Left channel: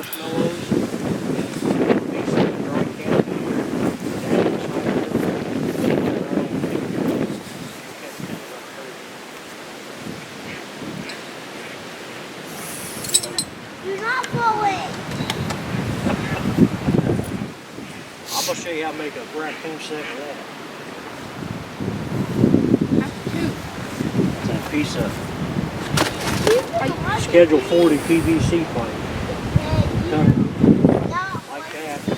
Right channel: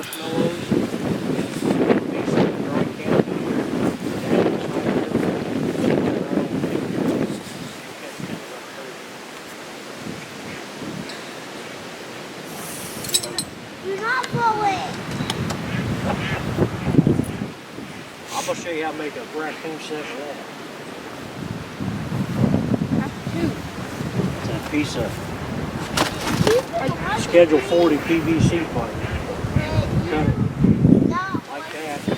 marshmallows. Dry candy. You're not blowing. I'm gonna show you how to make a raccoon set of that. That's a piece of Schedule 40 PVC pipe. Cut it like that. So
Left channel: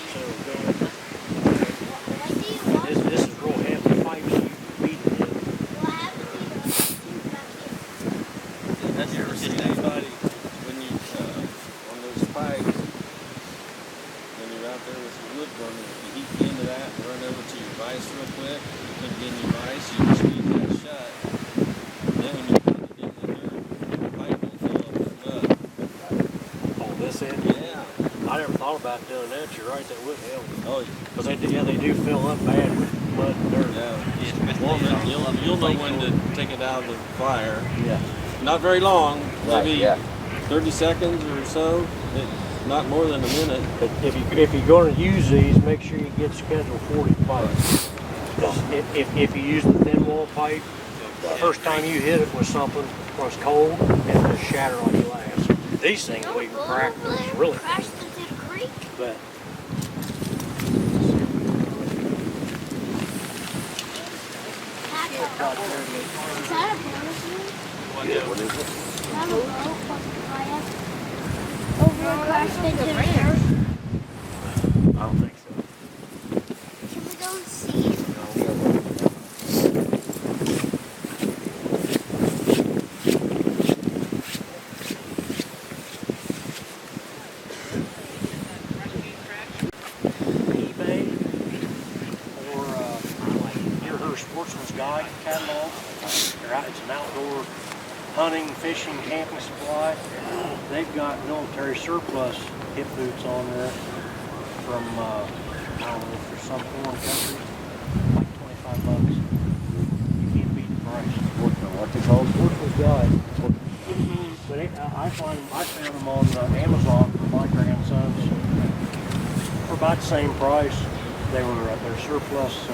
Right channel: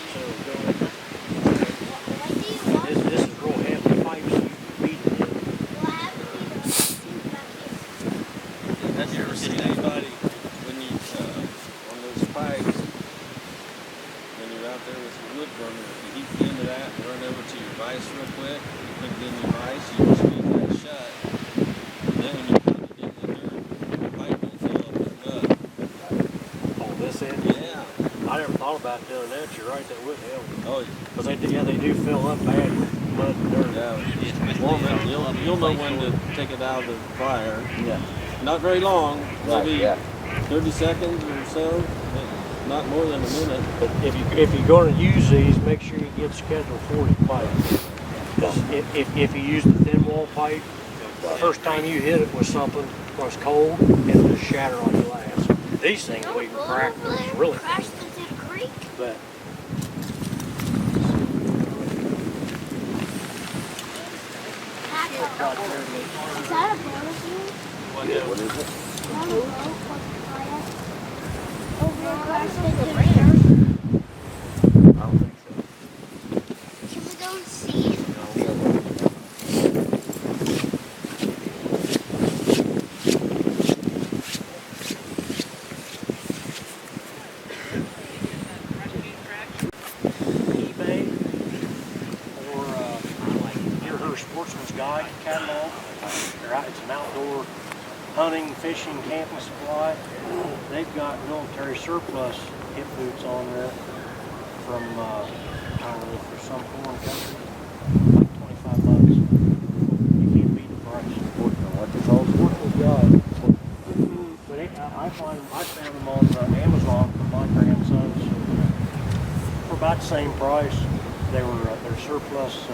this is real heavy pipe, so you can beat it in. Have you ever seen anybody when you on those pipes when you're out there with your wood burner, if you heat the end of that and run over to your vise real quick, you put it in your vise, you just squeeze that shut. And then when you put it in the dirt, the pipe will fill up with mud. Oh, this end? Yeah. I never thought about doing that. You're right, that would help. Oh, Because they do fill up bad with mud and dirt. yeah. Warm it. You'll know when to take it out of the fire. Yeah. Not very long, maybe Right, 30 seconds or so. Not more than a minute. But if you're going to use these, make sure you get Schedule 40 pipe. Because if you use the thin wall pipe, the first time you hit it with something was cold and it just shatter like glass. These things we can crack really Crashed into the creek. but Is that a bonus unit? What is it? I don't know. Over a crashed into the dirt. I don't think so. Can we go and see it? eBay or like Deer Herd Sportsman's Guide catalog. It's an outdoor hunting, fishing, camping supply. They've got military surplus hip boots on there from, I don't know, for some foreign country, like $25. You can't beat the price. What's it called? Sportsman's Guide. But I found them on Amazon for my grandsons for about the same price. They're surplus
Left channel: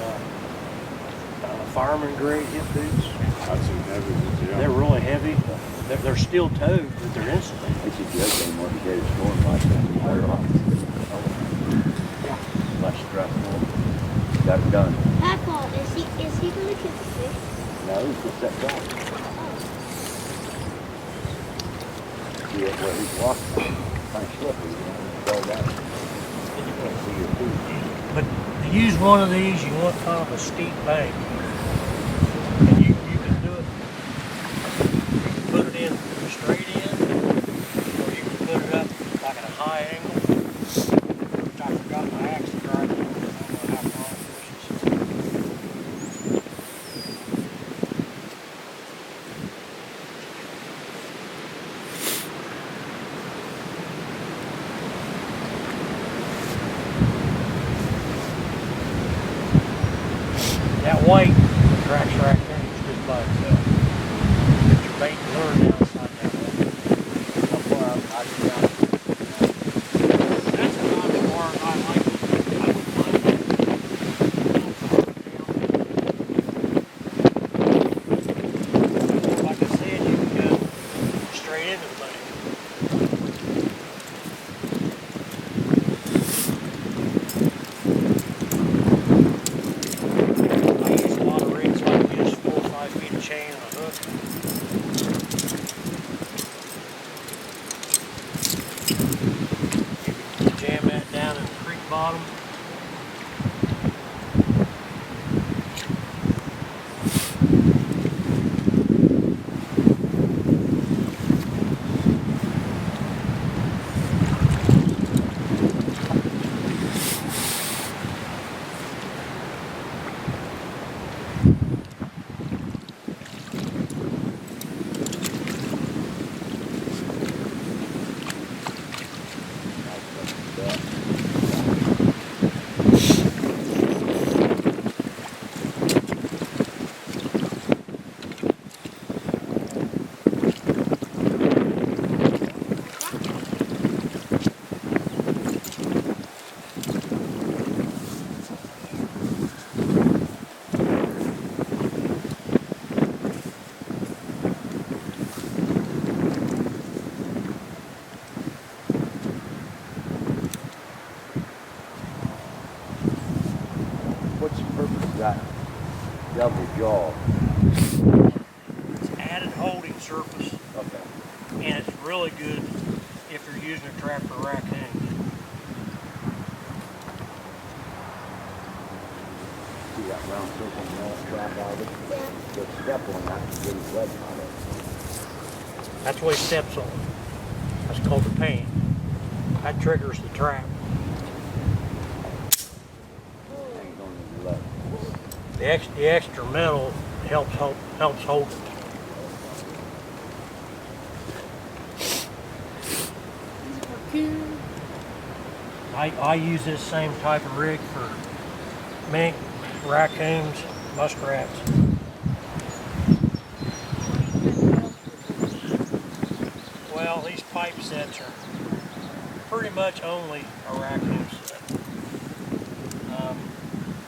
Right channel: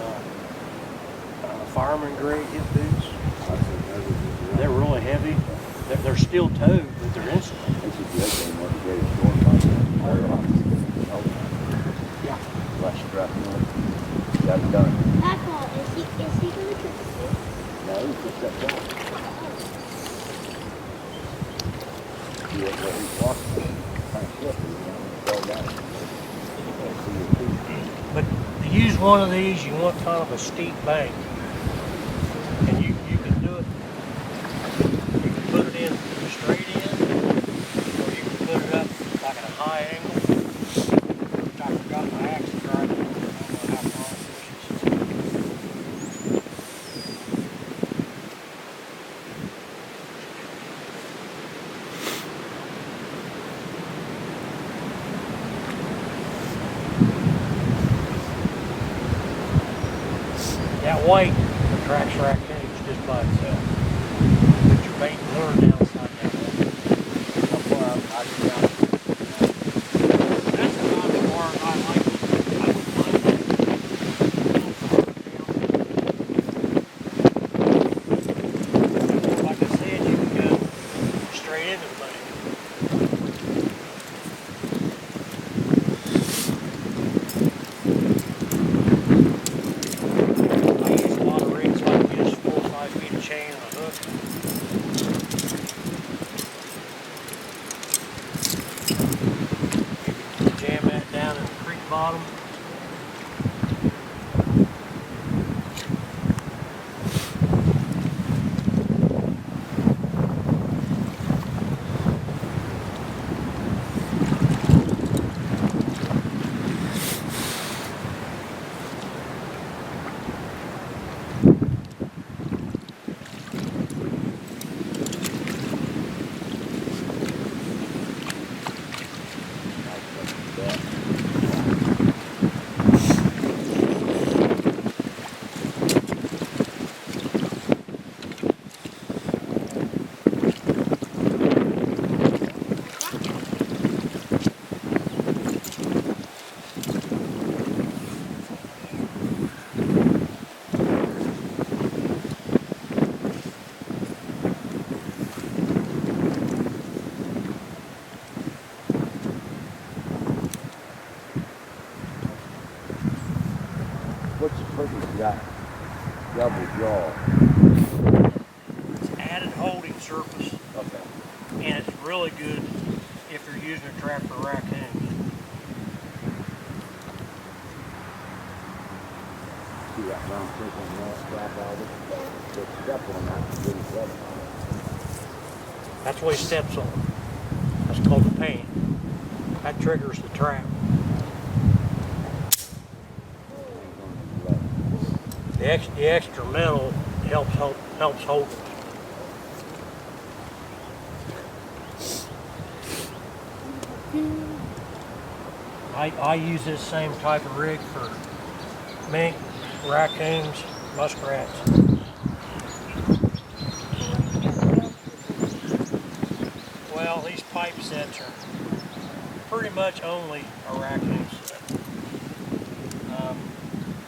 fireman grade hip boots. They're really heavy. They're steel toed, but they're insulated. They should be okay more to get a storm like that. Yeah. Less stress. Got it done. Papa, is he going to get the fish? No, it's just that dog. See what he's walking. Kind of slippery, you know, fall down. You can't see your feet. But to use one of these, you want kind of a steep bank. And you can do it. You can put it in straight in, or you can put it up like at a high angle. Which I forgot my axe to drive. I don't know how far it pushes. That white attracts raccoons just by itself. Put your bait and lure down inside that one. How far out I can down. That's a non-spark. I like it. I wouldn't mind that. Like I said, you can go straight into the money. Chain and a hook. You can jam that down in the creek bottom. got double jaw. It's added holding surface, Okay. and it's really good if you're using a trap for raccoons. See that round circle and all strap out of it? Yeah. Just step on that and get his web out of That's what he steps on. That's called the pan. That triggers the trap. it. Hangs on his leg. The extra metal helps hold it. I use this same type of rig for mink, raccoons, muskrats. Well, these pipe sets are pretty much only a raccoon set.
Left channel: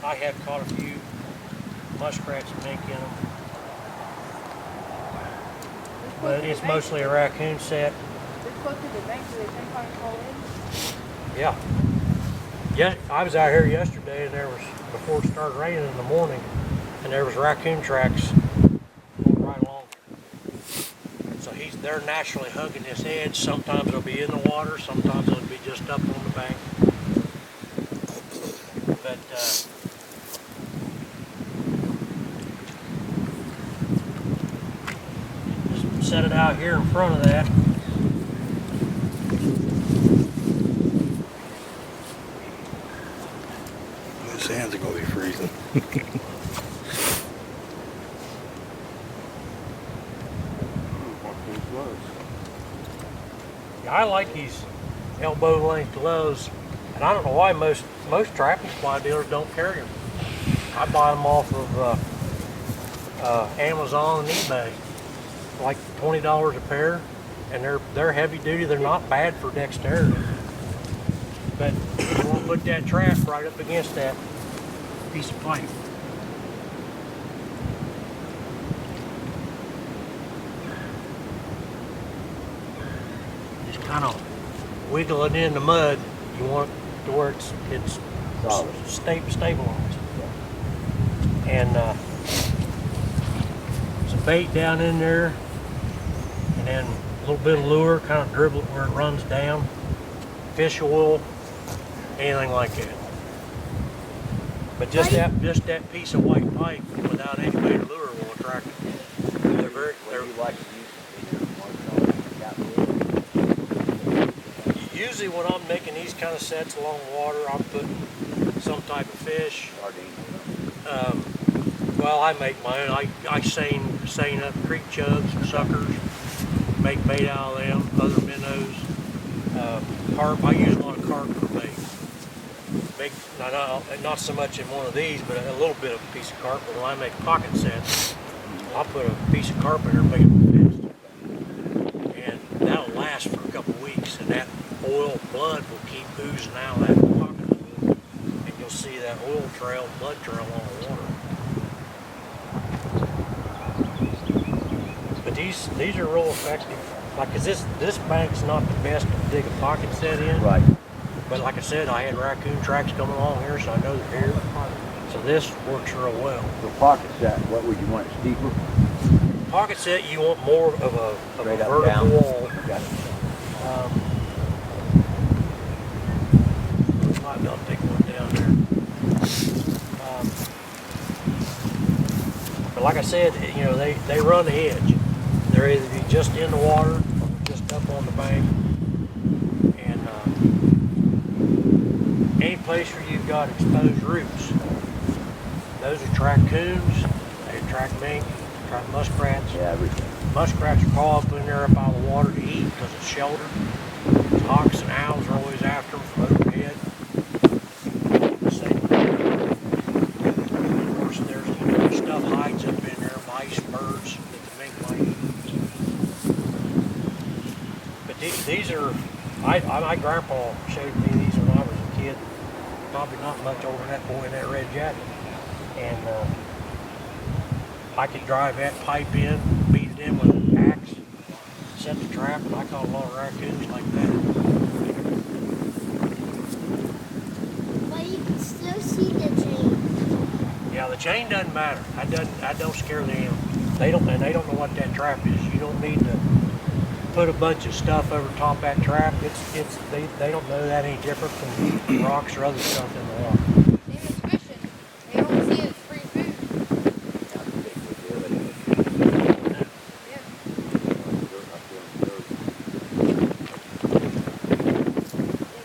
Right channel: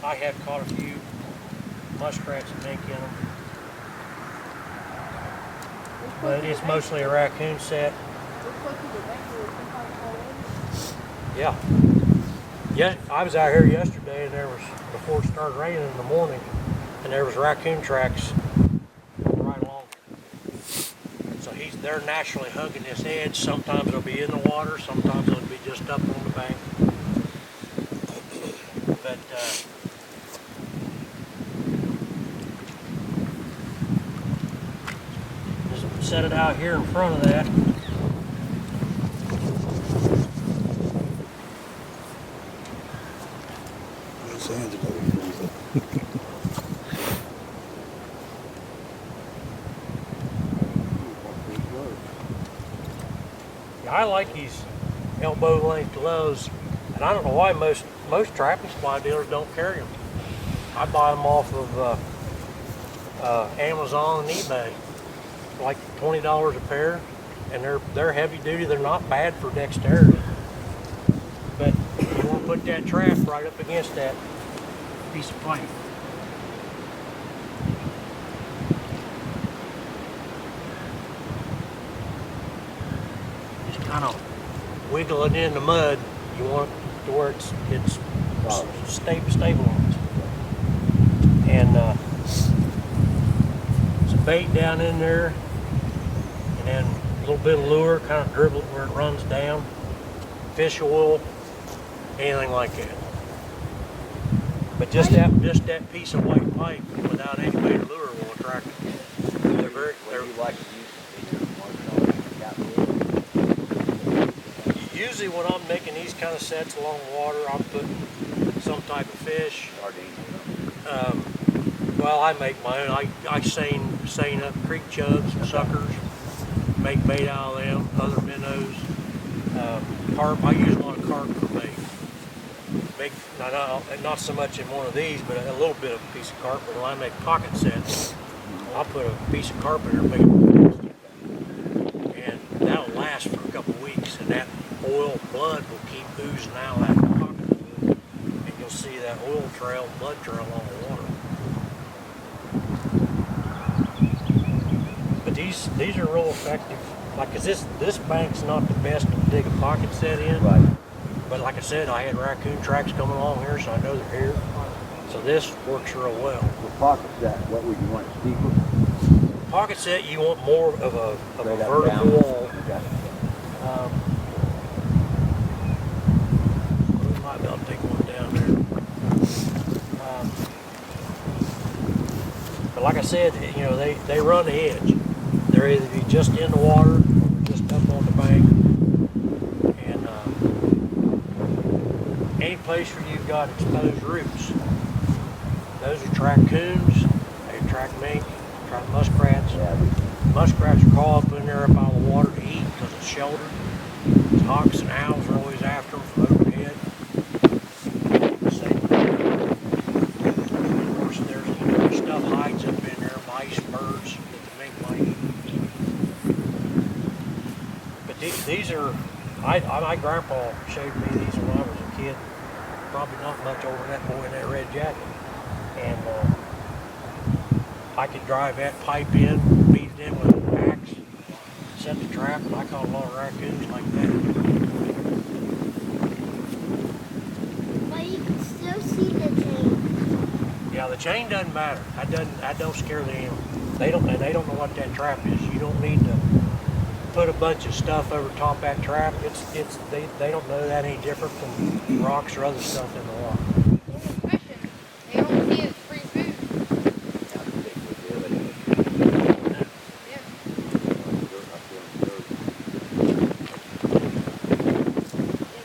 I have caught a few muskrats and mink in them, but it's mostly a raccoon set. Yeah. Yeah, I was out here yesterday and there was, before it started raining in the morning, and there was raccoon tracks going right along. So they're naturally hugging this edge. Sometimes they'll be in the water, sometimes they'll be just up on the bank. But just set it out here in front of that. His hands are gonna be freezing. Yeah, I like these elbow length gloves, and I don't know why most trapping supply dealers don't carry them. I buy them off of Amazon and eBay, like $20 a pair, and they're heavy duty. They're not bad for dexterity, but you want to put that trap right up against that piece of pipe. Just kind of wiggle it in the mud. You want it to where it's stabilized. And some bait down in there, and then a little bit of lure, kind of dribble it where it runs down. Fish oil, anything like that. But just that piece of white pipe without any bait or lure will attract it. They're very. What do you like to use? Usually when I'm making these kind of sets along water, I'm putting some type of fish. Sardines. Well, I make my own. I seine up creek chubs and suckers, make bait out of them, other minnows, carp. I use a lot of carp for bait. Not so much in one of these, but a little bit of a piece of carp. But when I make pocket sets, I'll put a piece of carp in there and make it fast. And that'll last for a couple of weeks, and that oil blood will keep oozing out of that pocket fluid, and you'll see that oil trail, blood trail on the water. But these are real effective. Like, 'cause this bank's not the best to dig a pocket set in. Right. But like I said, I had raccoon tracks coming along here, so I know they're here. So this works real well. For pocket set, what would you want, steeper? Pocket set, you want more of a Straight up, vertical down? wall. Okay. We might be able to take one down there. But like I said, you know, they run the edge. They're either be just in the water or just up on the bank. And any place where you've got exposed roots, those attract coons, they attract mink, attract muskrats. Yeah, everything. Muskrats will crawl up in there up out of the water to eat because it's sheltered. Hawks and owls are always after them from overhead. Same there. Of course, there's stuff hides up in there, mice, birds that the mink might eat. But these are, my grandpa showed me these when I was a kid. Probably not much older than that boy in that red jacket. And I could drive that pipe in, beat it in with an axe, set the trap, and I caught a lot of raccoons like that. But you can still see the chain. Yeah, the chain doesn't matter. That don't scare them. They don't know what that trap is. You don't need to put a bunch of stuff over top that trap. They don't know that any different from rocks or other stuff in the water. Same as fishing. They don't see it as free food. Yeah. Yeah,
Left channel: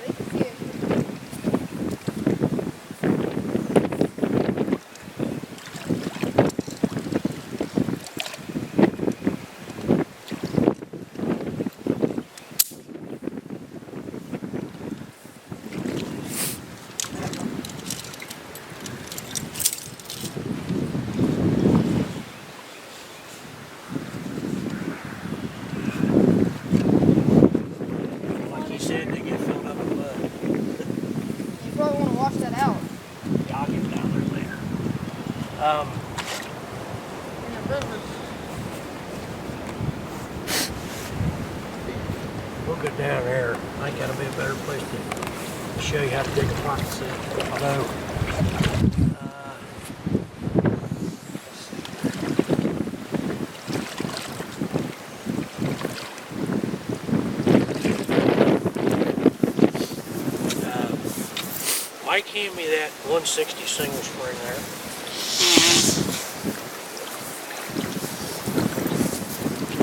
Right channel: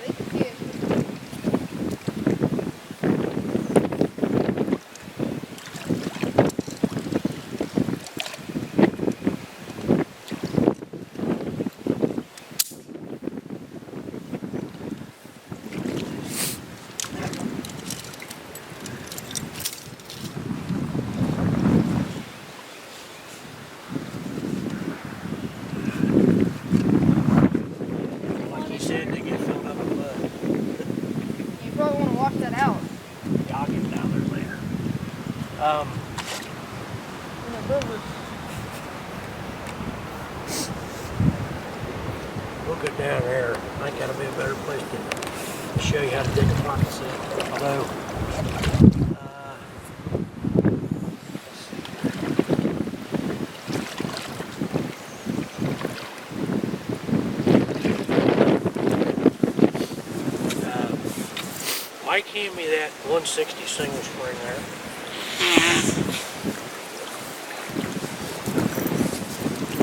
they can see it. Like you said, they get filled up with mud. You probably want to wash that out Yeah, I'll get down there later. in the river. We'll go down there. I think that'll be a better place to show you how to dig a pocket set. Although, Mike handed me that 160 single spring there.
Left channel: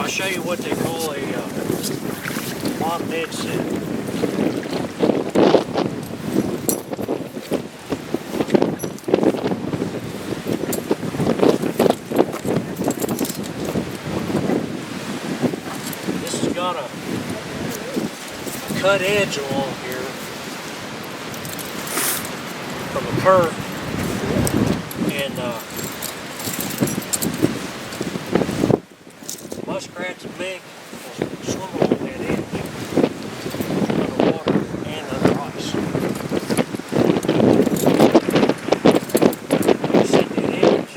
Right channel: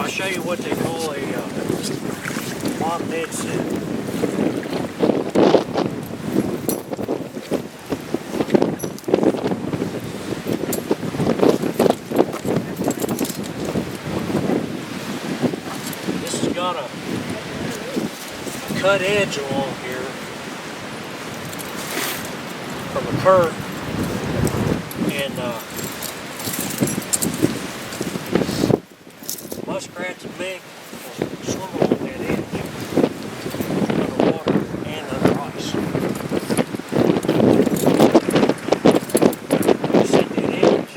I'll show you what they call a bottom head set. This has got a cut edge along here from the current, and muskrats and mink will swim along that edge underwater and under ice. You see that edge?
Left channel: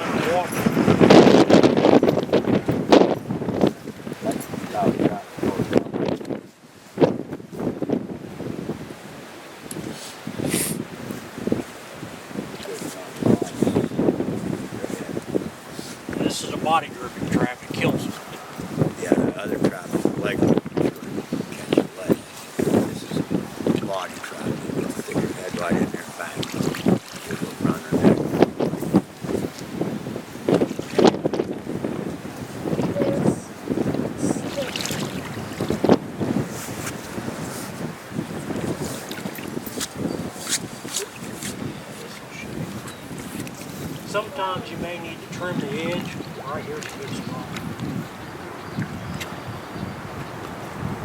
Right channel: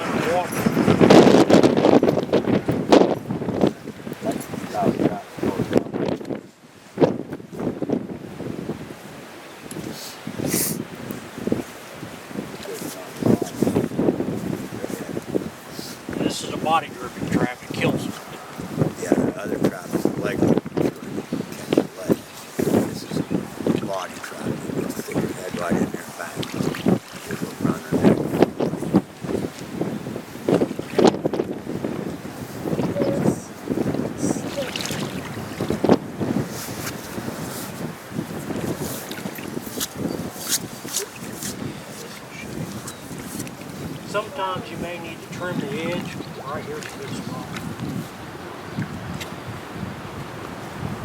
Underwater. This is a body gripping trap. It kills them. Yeah, the other trap is a leg catch a leg. This is a body trap. Stick your head right in there, bang. It'll run her neck. Sometimes you may need to trim the edge. Right here's a good spot.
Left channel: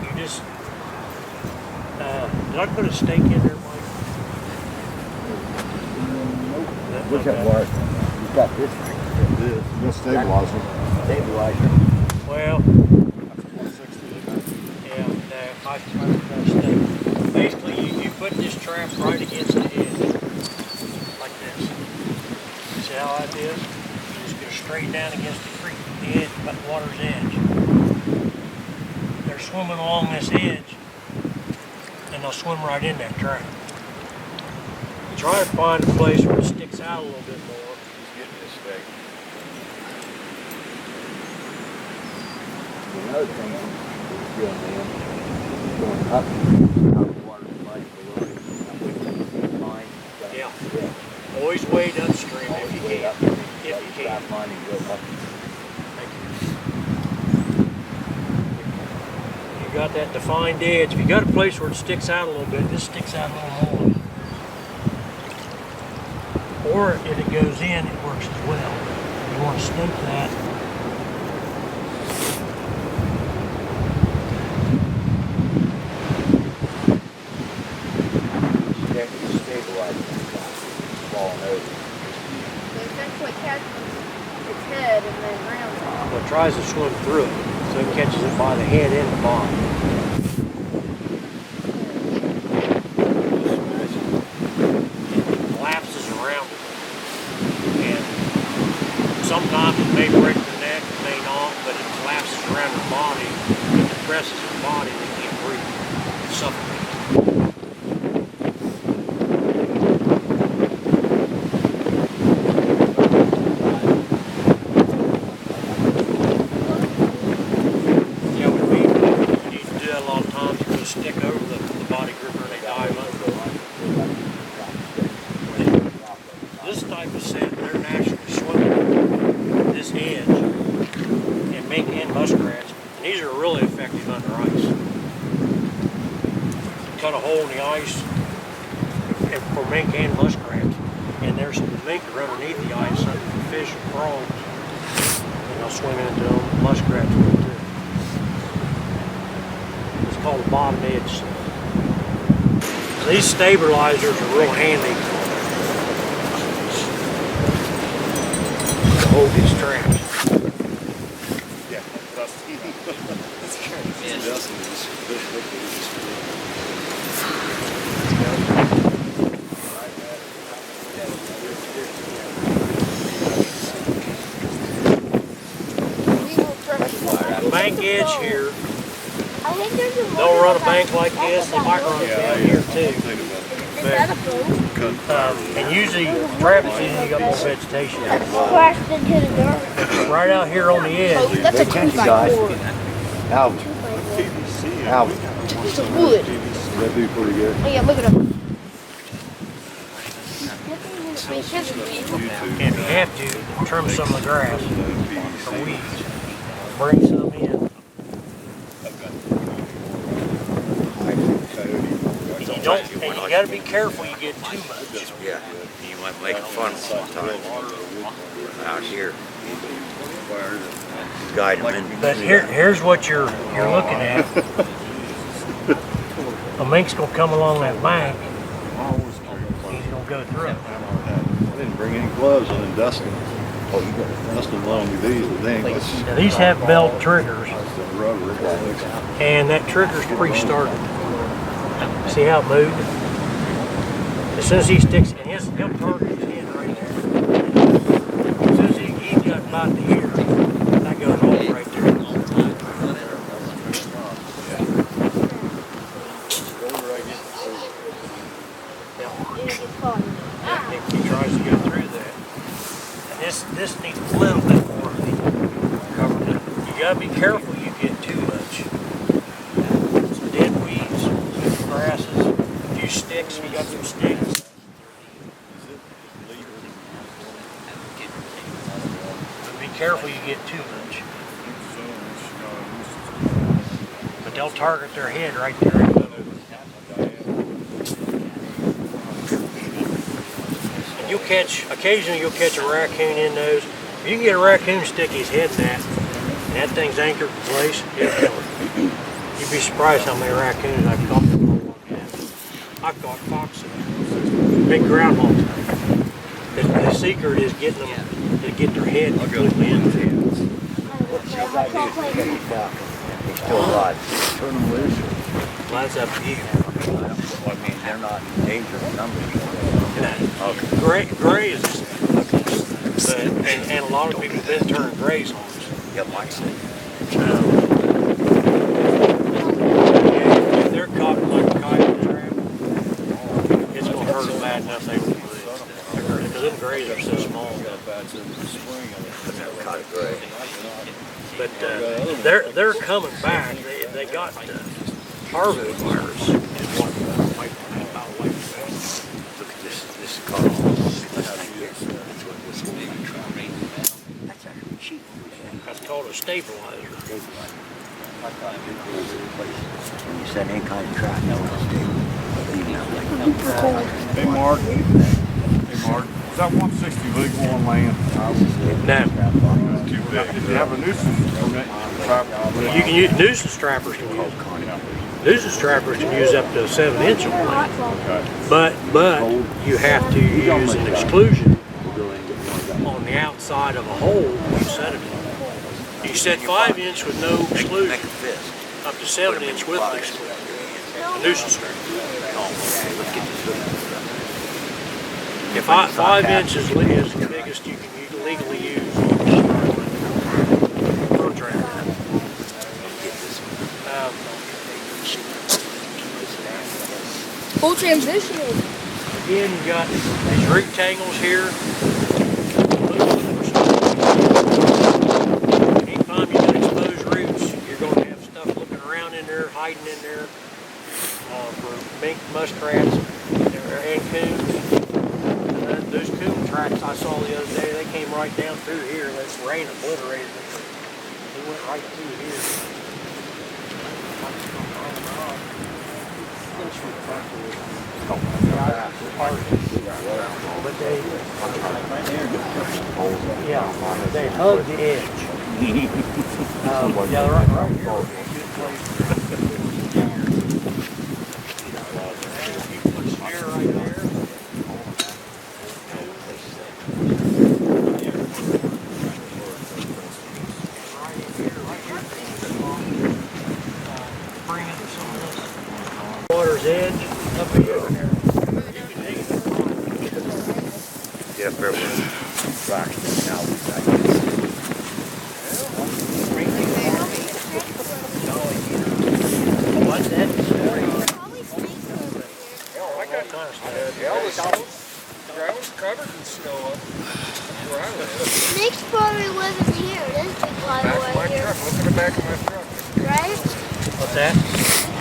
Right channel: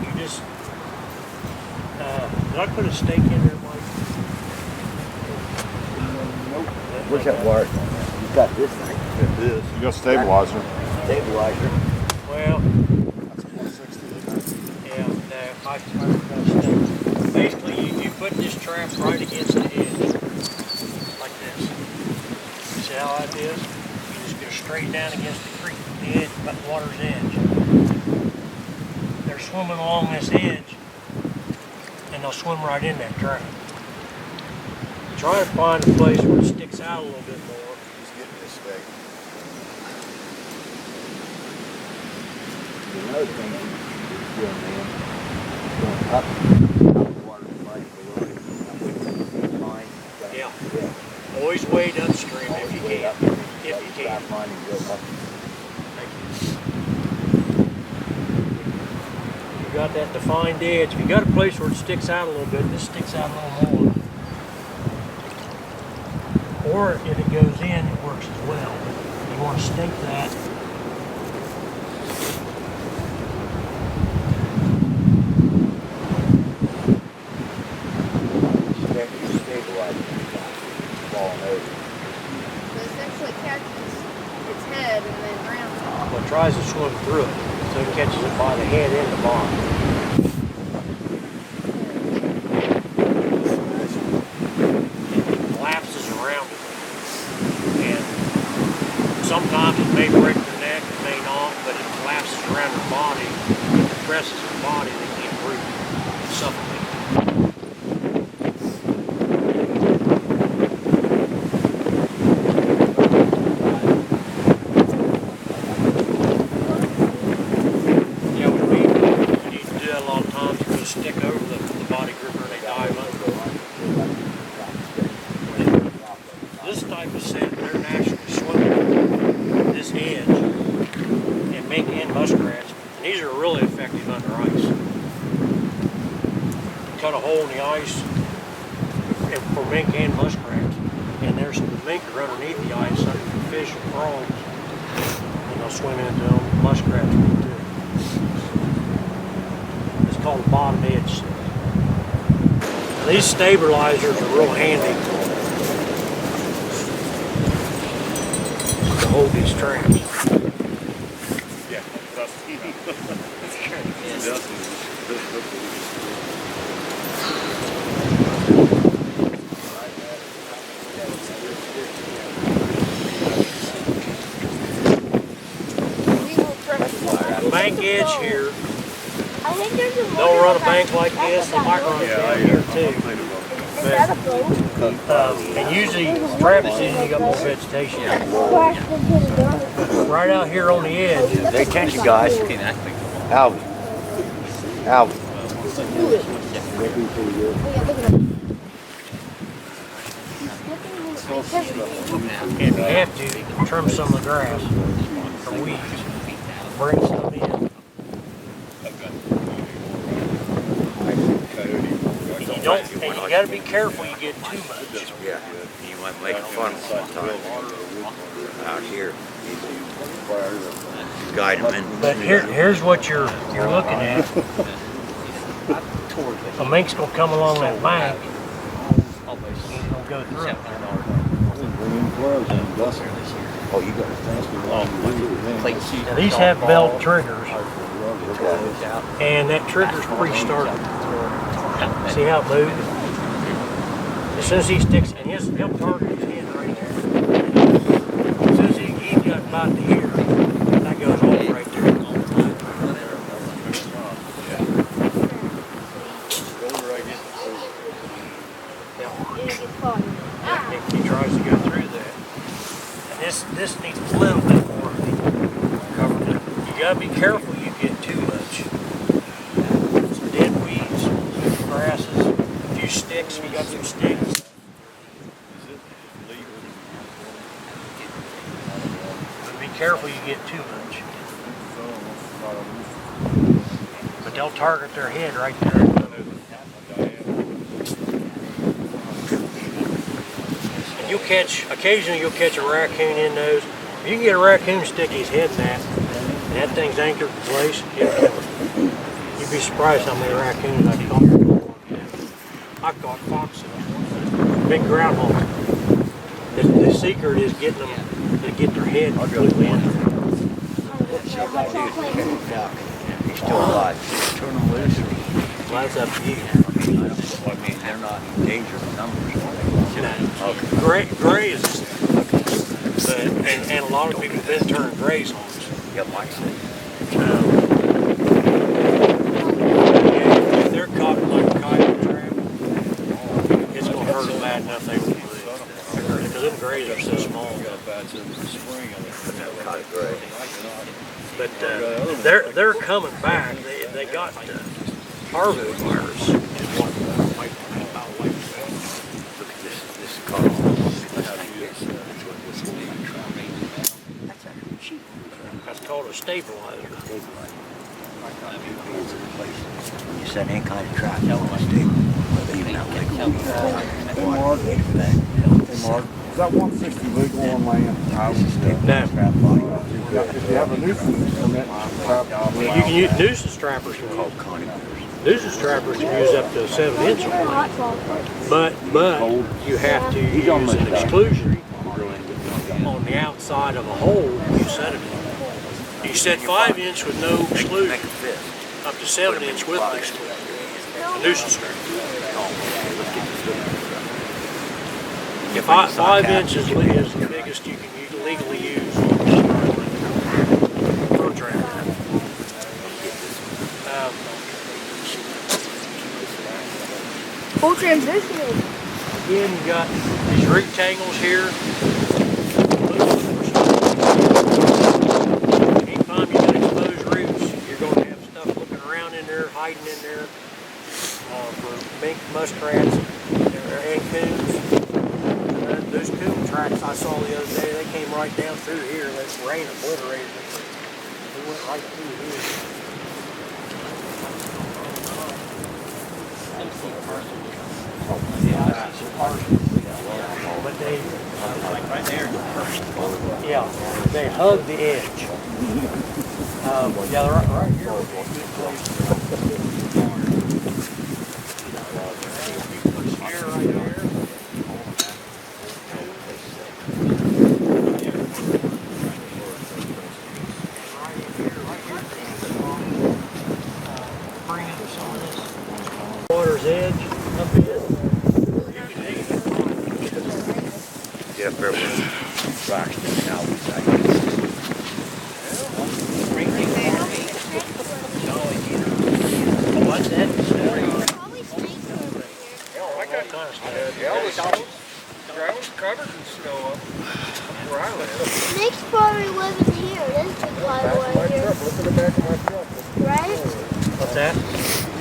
You just, did I put a stake in there, Mike? Where's that wire? You got this thing. It is. You got stabilizer. Stabilizer. Well, That's 160. yeah, no, I forgot a stake. Basically, you put this trap right against the edge, like this. See how that is? You just go straight down against the creek, the edge, but water's edge. They're swimming along this edge, and they'll swim right in that trap. You try to find a place where it sticks out a little bit more. He's getting this stake. Another thing he's doing, man, he's going up out of the water, like below it. Line. Yeah. Always wade upstream if you can. If you can. Trap line and go up. Thank you. You got that defined edge. If you got a place where it sticks out a little bit, this sticks out a little more. Or if it goes in, it works as well. You want to stake that. Stabilizer. Falling over. So essentially catches its head and then rounds off. Well, it tries to swim through it, so it catches it by the head and the bottom. It collapses around it. And sometimes it may break the neck, it may not, but it collapses around her body. It depresses her body, they can't breathe. suffocate. Yeah, we need to do that a lot of times. You just stick over the body gripper and they dive under. This type of set, they're naturally swimming this edge and mink and muskrats. And these are really effective under ice. Cut a hole in the ice for mink and muskrats. And there's the mink are underneath the ice under the fish and frogs. And they'll swim into them. Muskrats will too. It's called a bottom edge set. Now, these stabilizers are real handy to hold these traps. Yeah, Dusty. That's great. Dusty. Bank edge here, I think there's a they'll run a bank like this, they might run it down here too. Is that a boat? And usually, Travis usually got more vegetation. Crashed into the dirt. Right out here on the edge, Pay attention, guys. Alvin. Alvin. Wood. That'd be pretty good. Oh yeah, look at them. if you have to, trim some of the grass or weeds, bring some in. And you don't, and you got to be careful you get too much. Yeah, you might make fun sometimes out here. Guide them in. But here's what you're looking at. A mink's gonna come along that bank. He's gonna go through it. I didn't bring any gloves in Dusty. Oh, you got it. Dusty long thing. Now these have belt triggers, and that trigger's pre-started. See how it moved? As soon as he sticks, and he'll target his hand right there. As soon as he got about to here, that goes off right there. If he tries to go through that, and this needs a little bit more covered up. You gotta be careful you get too much. Some dead weeds, some grasses, a few sticks. We got some sticks. But be careful you get too much. But they'll target their head right there. Occasionally you'll catch a raccoon in those. If you can get a raccoon stick his head in that, and that thing's anchored in place, it'll kill it. You'd be surprised how many raccoons I've caught in I've caught foxes, big groundhogs. The secret is getting them to get their head completely in there. He's still alive. Turn them loose. Well, that's up to you. I mean, they're not in danger of numbers. Gray is, but, and a lot of people have been turning grays on us. Yeah, might say. If they're caught in like a coyote trap, it's going to hurt them bad enough they won't move. Because them grays are so small. But they're coming back. They got parvo virus. Is what about like that. Look at this car. That's called a stabilizer. When you set any kind of trap, you want to stable. Even out like Hey, Mark. Hey, Mark. Is that 160 legal on land? No. If you have a nuisance permit, You can use nuisance trappers. Nuisance trappers can use up to a 7-inch on, but you have to use an exclusion on the outside of a hole you set it in. You set 5-inch with no exclusion, up to 7-inch with an exclusion. A nuisance trapper. If 5 inches is the biggest you can legally use for a trapper. Full transition. Again, you got these root tangles here. Anytime you got exposed roots, you're going to have stuff looking around in there, hiding in there for mink, muskrats, and coons. Those coon tracks I saw the other day, they came right down through here. That rain obliterated them. They went right through here. But they hug the edge. Yeah, right here would be a good place. Put a snare right there. Water's edge up here. Yeah, fair enough. Now What's that? Probably snakes over here. I got kind of stuff. Ground's covered in snow up where I live. Snakes probably live in here. This big fly Back of away my here. truck. Look in the back of my truck. Right? What's that?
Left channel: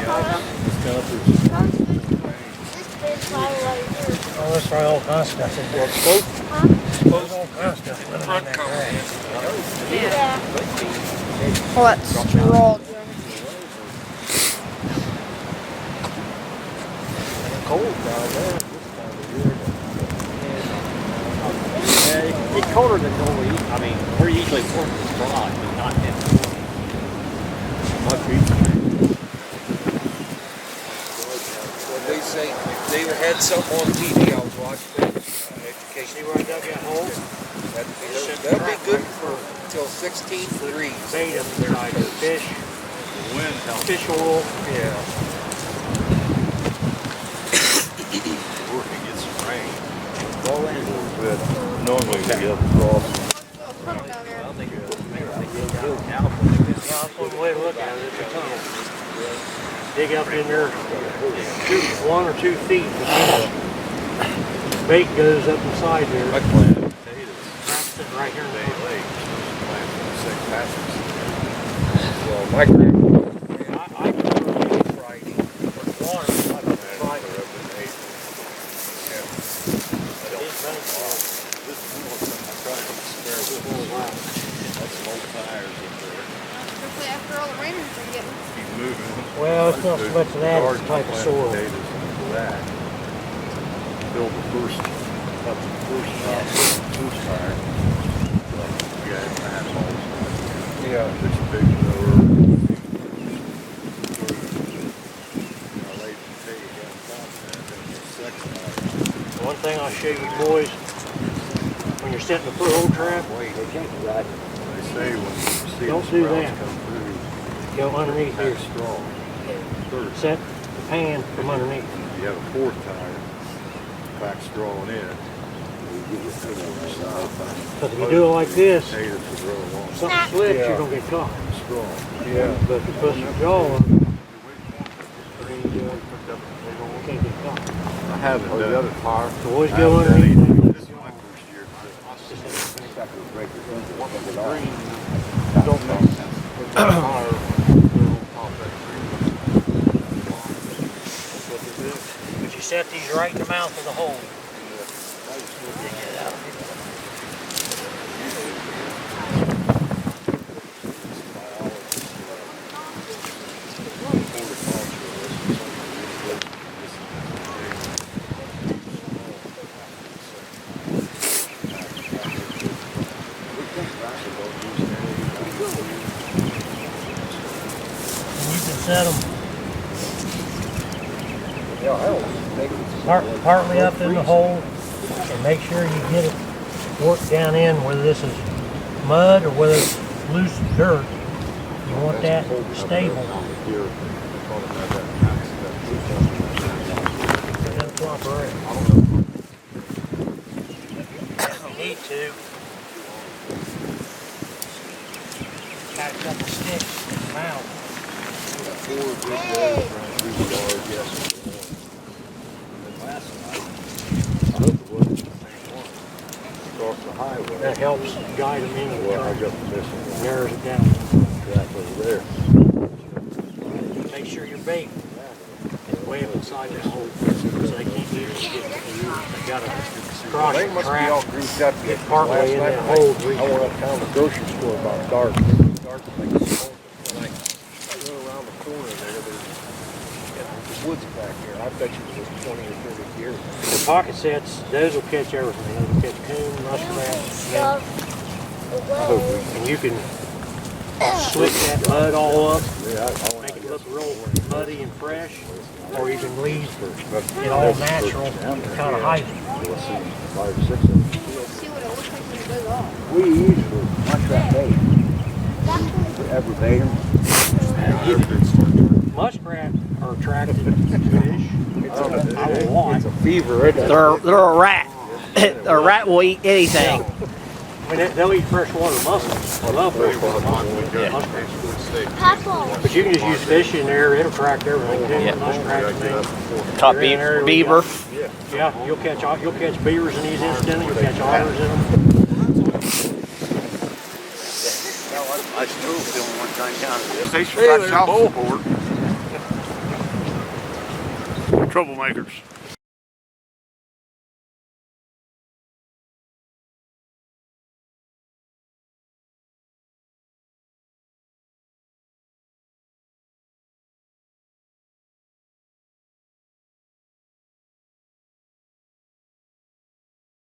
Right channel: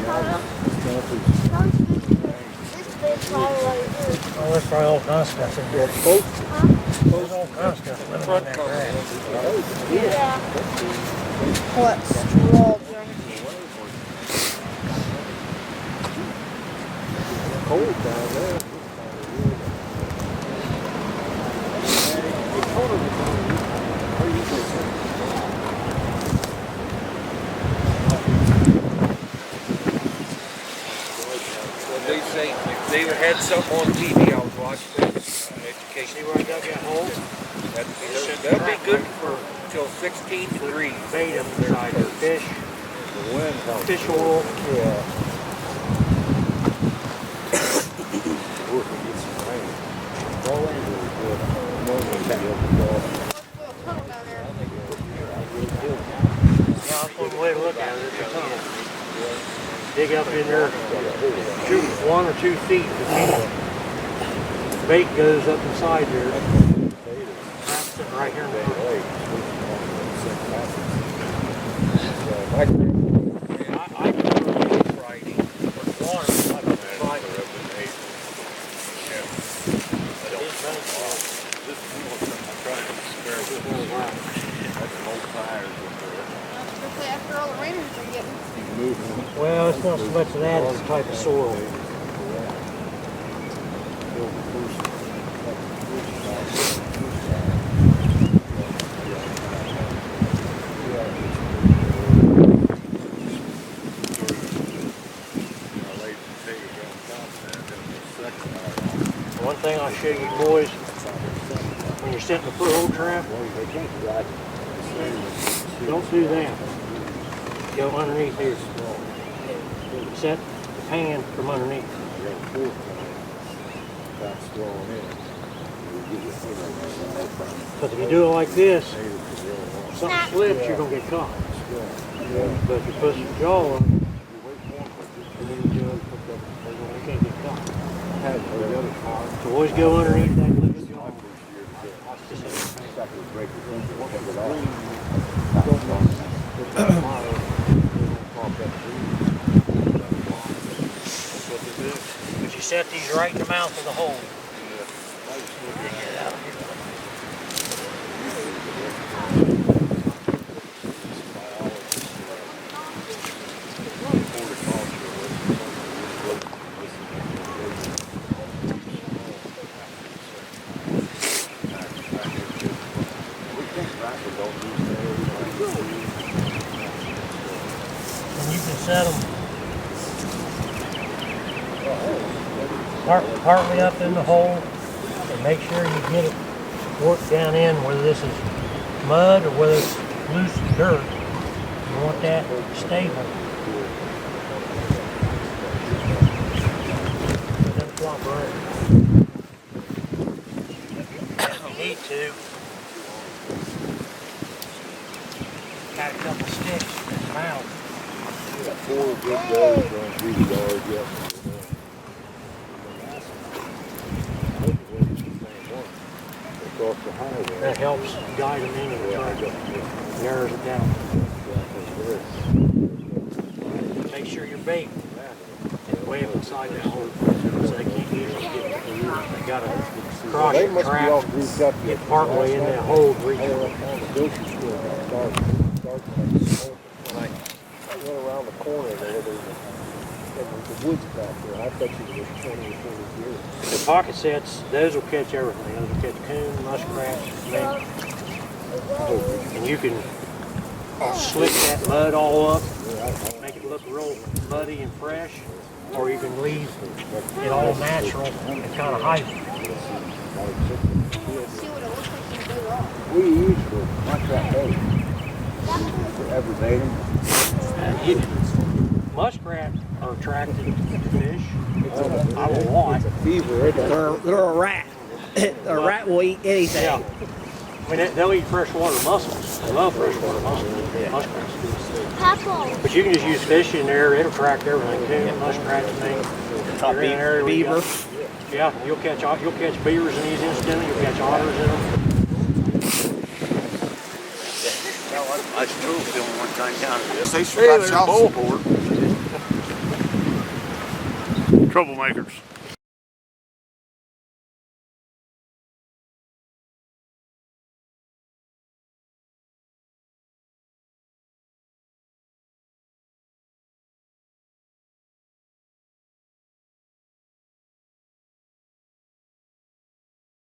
Probably this big fly away here. Oh, that's probably all kinds of stuff in there. Huh? There's all kinds of stuff living in that grass. Yeah. Oh, that's strong. Cold down there. It's colder than normal. I mean, we're usually cold. Well, they say they had something on TV. I was watching education. See where I dug that hole? That'll be good for till 16 degrees. Bait up inside there. Fish. Fish oil. Yeah. Normally we get up and draw. Yeah, that's one way to look at it. It's a tunnel. Dig up in there 1 or 2 feet. The bait goes up inside there. I planted potatoes. Sitting right here in the Lake. My grandma. I can do Friday. Water. I don't try to. After all the rainers are getting. Well, it's not so much of that, it's the type of soil. Build the first fire. Yeah, it's a big road. I laid potatoes on top there, and the second One thing I'll show you boys, when you're setting the foothold trap, they say when you see don't the do sprouts that. come through, Go underneath here. strong. Set the pan from underneath. You have a fourth time, back strolling in. Because if you do it like this, Potatoes will grow along. if something slips, you're going to get caught. Strong. Yeah. But if you put some jaw on, and then you do it, you can't get caught. I haven't done the other fire. So always go underneath that. This is my first year. But you set these right in the mouth of the hole. And you can set them partly up in the hole, and make sure you get it worked down in, whether this is mud or whether it's loose dirt. You want that stable. So it doesn't flop around. If you need to, got a couple sticks in the mouth. Four good days running through the yard yesterday. across the highway. That helps guide them into the Well, I track, got this narrows it down. back over there. Make sure your bait is way up inside that hole, so they can't usually get it. They gotta cross They your must be all trap, grouped up. get partway in that hole, reach I went uptown to the grocery store about dark. It was dark like when I went around the corner there, the woods back there. I bet you it was 20 or 40 years. the pocket sets. Those will catch everything. Those will catch coon, muskrat, snake, and you can slick that mud all up, make it look real muddy and fresh, or you can leave it all natural and kind of hide it. See what it looks like when it goes off. We use for muskrat bait. For ever bait them. Muskrat are attracted to fish. I will want. It's a fever. They're a rat. A rat will eat anything. Yeah. I mean, they'll eat freshwater mussels. They love freshwater mussels. Muskrats. Papa. But you can just use fish in there. It'll attract everything. Coon, muskrats, things. Top You're in an area where you beaver. got- Yeah, you'll catch beavers in these incidentally. You'll catch otters in them. I drove film one time down there. Station got child support. Troublemakers.